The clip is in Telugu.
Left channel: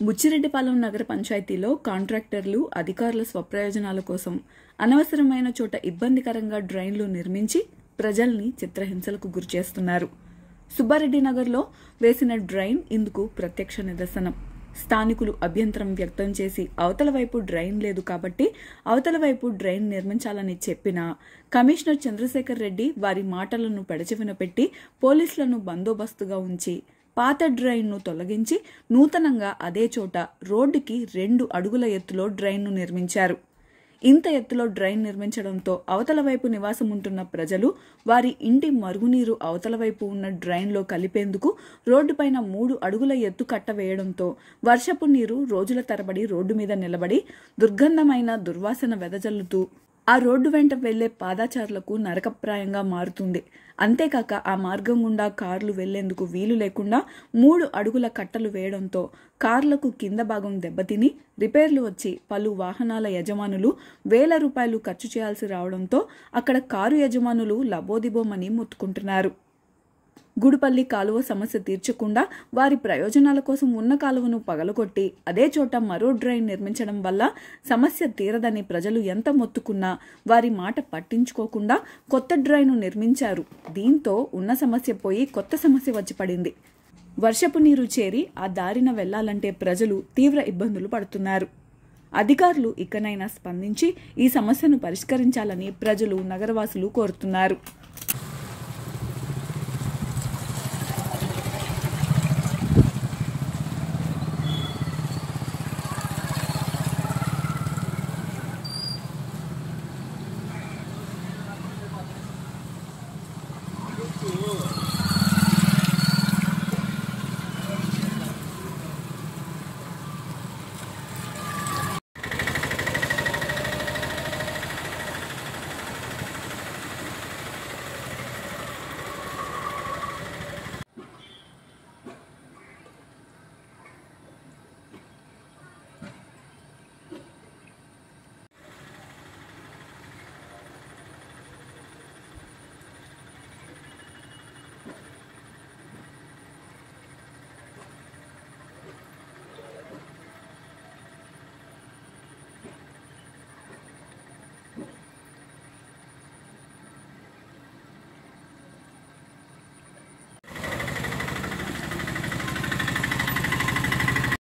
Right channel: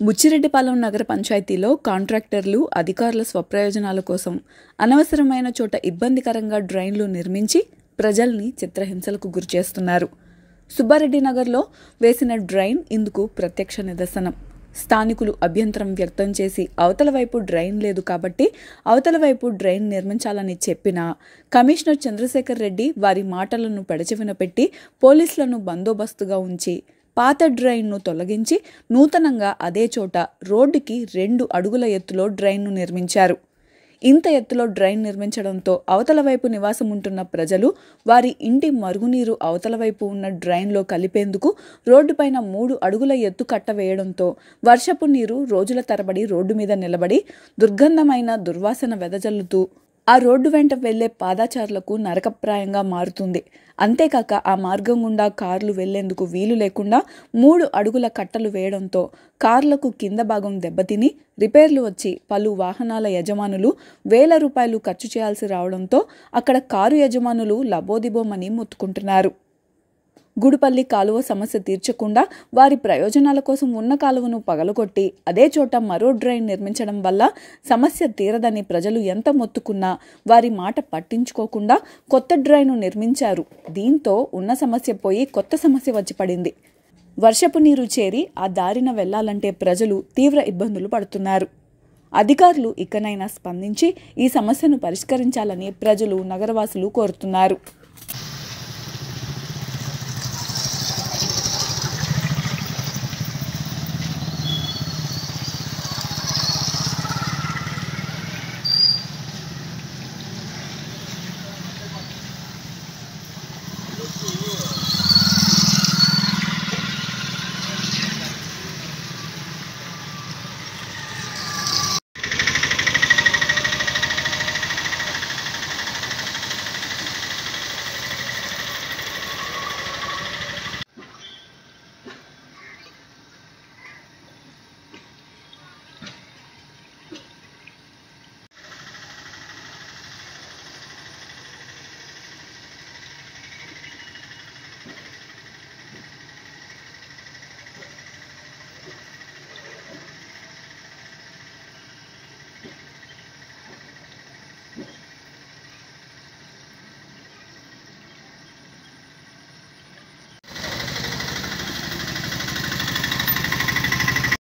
బుచ్చిరెడ్డిపాలెం నగర పంచాయతీలో కాంట్రాక్టర్లు అధికారుల స్వప్రయోజనాల కోసం అనవసరమైన చోట ఇబ్బందికరంగా డ్రైన్లు నిర్మించి ప్రజల్ని చిత్రహింసలకు గురిచేస్తున్నారు. సుబ్బారెడ్డి నగర్లో వేసిన డ్రైన్ ఇందుకు ప్రత్యక్ష నిదర్శనం. స్థానికులు అభ్యంతరం వ్యక్తం చేసి అవతల వైపు డ్రైన్ లేదు కాబట్టి అవతల వైపు డ్రైన్ నిర్మించాలని చెప్పినా కమిషనర్ చంద్రశేఖర్ రెడ్డి వారి మాటలను పెడచెవిన పెట్టి పోలీసులను బందోబస్తుగా ఉంచి పాత డ్రైన్ను తొలగించి నూతనంగా అదే చోట రోడ్డుకి 2 అడుగుల ఎత్తులో డ్రైన్ను నిర్మించారు. ఇంత ఎత్తులో డ్రైన్ నిర్మించడంతో అవతల వైపు నివాసం ఉంటున్న ప్రజలు వారి ఇంటి మరుగునీరు అవతల వైపు ఉన్న డ్రైన్లో కలిపేందుకు రోడ్డుపైన 3 అడుగుల ఎత్తు కట్ట వేయడంతో వర్షపు నీరు రోజుల తరబడి రోడ్డు మీద నిలబడి దుర్గంధమైన దుర్వాసన వెదజల్లుతూ ఆ రోడ్డు వెంట వెళ్లే పాదాచారులకు నరకప్రాయంగా మారుతుంది. అంతేకాక ఆ మార్గం గుండా కార్లు వెళ్లేందుకు వీలు లేకుండా 3 అడుగుల కట్టలు వేయడంతో కార్లకు కింద భాగం దెబ్బతిని రిపేర్లు వచ్చి పలు వాహనాల యజమానులు వేల రూపాయలు ఖర్చు చేయాల్సి రావడంతో అక్కడ కారు యజమానులు లబోదిబోమని మొత్తుకుంటున్నారు. గుడిపల్లి కాలువ సమస్య తీర్చకుండా వారి ప్రయోజనాల కోసం ఉన్న కాలువను పగలగొట్టి అదే చోట మరో డ్రైన్ నిర్మించడం వల్ల సమస్య తీరదని ప్రజలు ఎంత మొత్తుకున్నా వారి మాట పట్టించుకోకుండా కొత్త డ్రైన్ను నిర్మించారు. దీంతో ఉన్న సమస్య పోయి కొత్త సమస్య వచ్చి పడింది. వర్షపు నీరు చేరి ఆ దారిన వెళ్లాలంటే ప్రజలు తీవ్ర ఇబ్బందులు పడుతున్నారు. అధికారులు ఇకనైనా స్పందించి ఈ సమస్యను పరిష్కరించాలని ప్రజలు నగరవాసులు కోరుతున్నారు.